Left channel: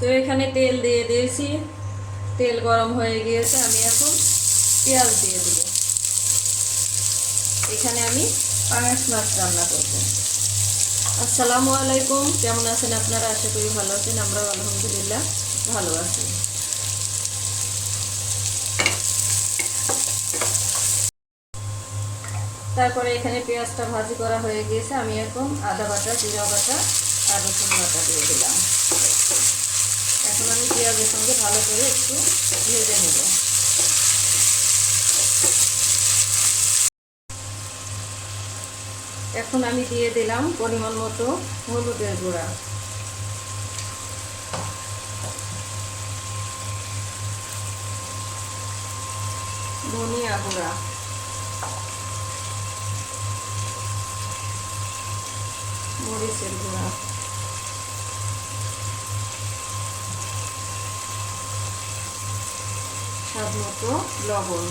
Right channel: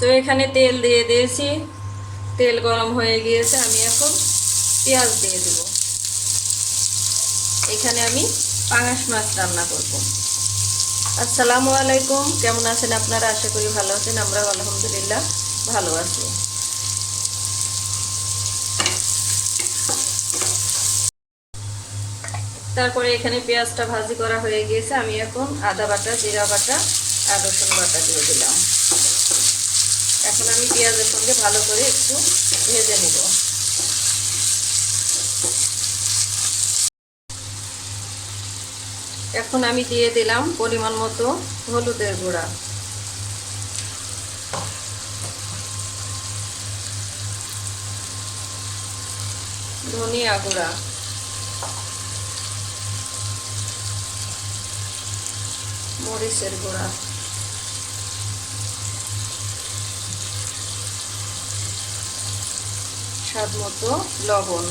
তো এখানে তেল দিয়ে দিয়েছি। তেল গরম হয়ে গিয়েছে, আমি এখন পেঁয়াজ দিয়ে দিব। এখানে আমি পাঙাশ মাছ রান্না করব। আসসালামু আলাইকুম, কেমন আছেন আপনারা? আশা করি ভালো আছেন আমরা আলহামদুলিল্লাহ ভালো আছি। তারপরে এখানে পেঁয়াজটা ভাজি করা হয়ে গিয়েছে, আমি এখন আদা বাটা, জিরা বাটা আর বাটা দিয়ে দিলাম। এখন আমি পেঁয়াজের সঙ্গে ভালো করে একটু ভেজে নেব। এখন আমি দিয়ে দিলাম পরিমাণ মতো হলুদের গুঁড়া। ধনিয়া গুঁড়া। মরিচের গুঁড়া। স্বাদ মতো লবণ।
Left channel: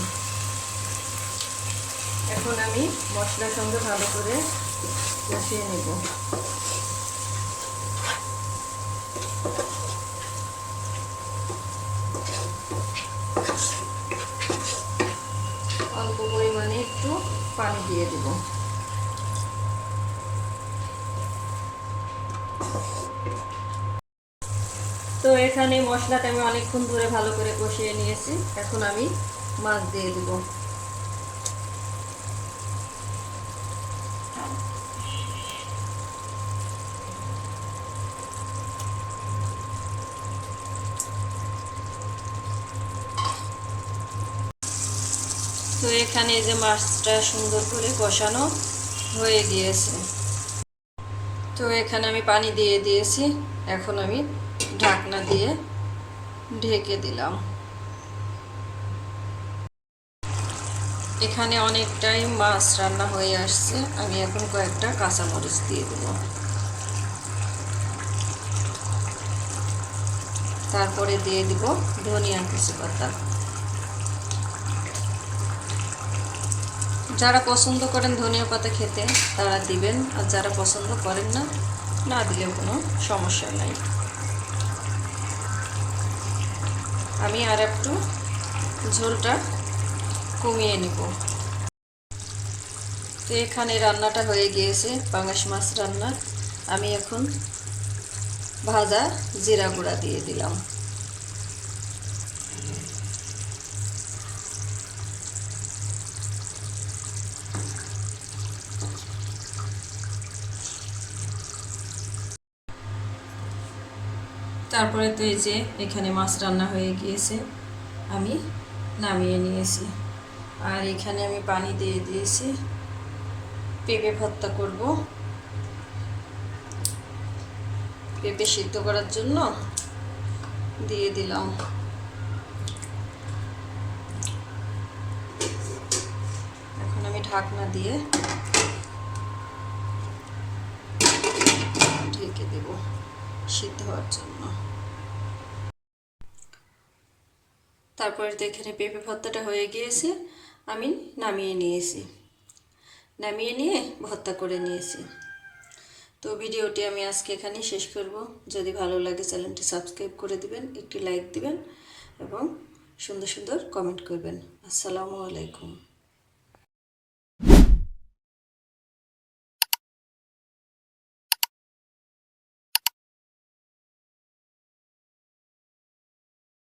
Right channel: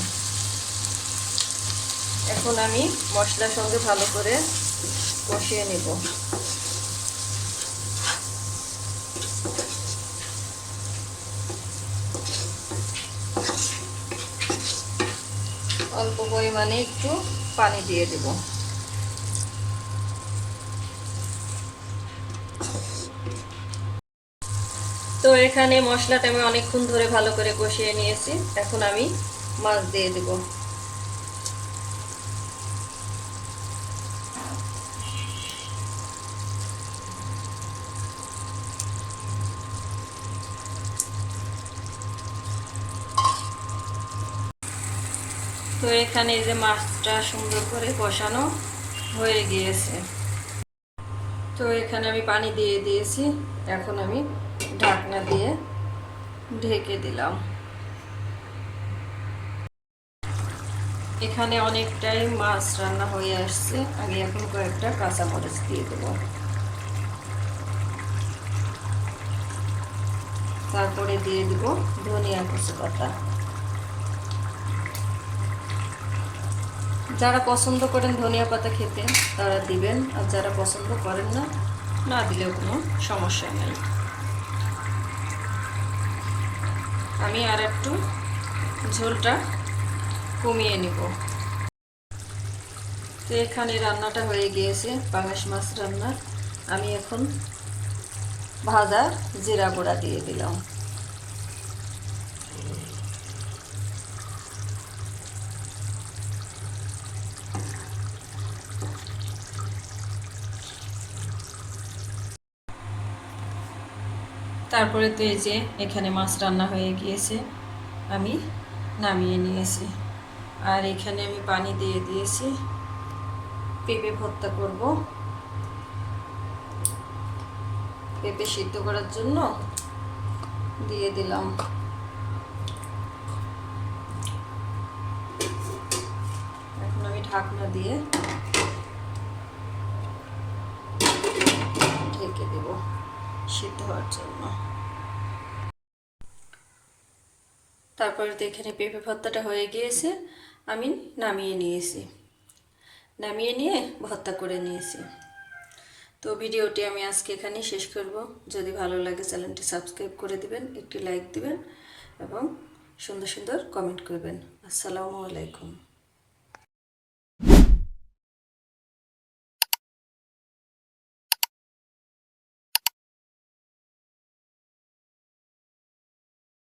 এখন আমি মশলার সঙ্গে ভালো করে কষিয়ে নেব। অল্প পরিমাণে একটু পানি দিয়ে দেব। তো এখানে মশলাটা আমি অনেকক্ষণ ধরে ভালো করে কষিয়ে নিয়েছি। এখন আমি মাছ দিয়ে দেব। তো এখানে যে মাছটা সুন্দর করে কষানো হয়ে গিয়েছে। তো এখানে আমি পানি দিয়ে দিয়েছি। এখন আমি ঢাকনা দিয়ে ঢেকে দিলাম। এখানে অনেকটাই মাছ রান্না হয়ে আসছে। আমি এখন কয়েকটা কাঁচামরিচ দিয়ে দেব। তারপরে দিয়ে দিব ধনিয়া কুচি পাতা। যারা পছন্দ করেন ধনিয়া পাতা খেতে, তারা দিবেন। আর যারা পছন্দ করেন না না দিলেও কোনো সমস্যা নাই। আমি আর একটু ঝোলটা কমিয়ে নিব। তো এখানে রান্নাটা হয়ে গিয়েছে, পাঙাশ মাছ রান্না। আমি এখন ভাজা জিরা গুঁড়া দিয়ে দিলাম। তারপরে তো এই যে এখানে মাছ রান্না হয়ে গিয়েছে, আমি নামিয়ে নিয়েছি। আর এখানে আমি পানি দিয়ে দিয়েছি। পেঁপে ভর্তা করব। পেঁপে সিদ্ধ করার জন্য দিয়ে দিলাম। এখন আমি ঢাকনা দিয়ে সিদ্ধ হওয়ার জন্য। তারপরে এখানে পেঁপে ভর্তাটা হয়ে গিয়েছে, আমি নামিয়ে নিয়েছি। নামিয়ে নিয়ে ভর্তা করে নিয়েছি। তো ভিডিওটি আমি আজকে এখানেই শেষ করব। যদি ভালো লাগে চ্যানেলটি সাবস্ক্রাইব করে দিবেন, একটি লাইক দিবেন এবং সুন্দর সুন্দর কমেন্ট করবেন। আসসালামু আলাইকুম।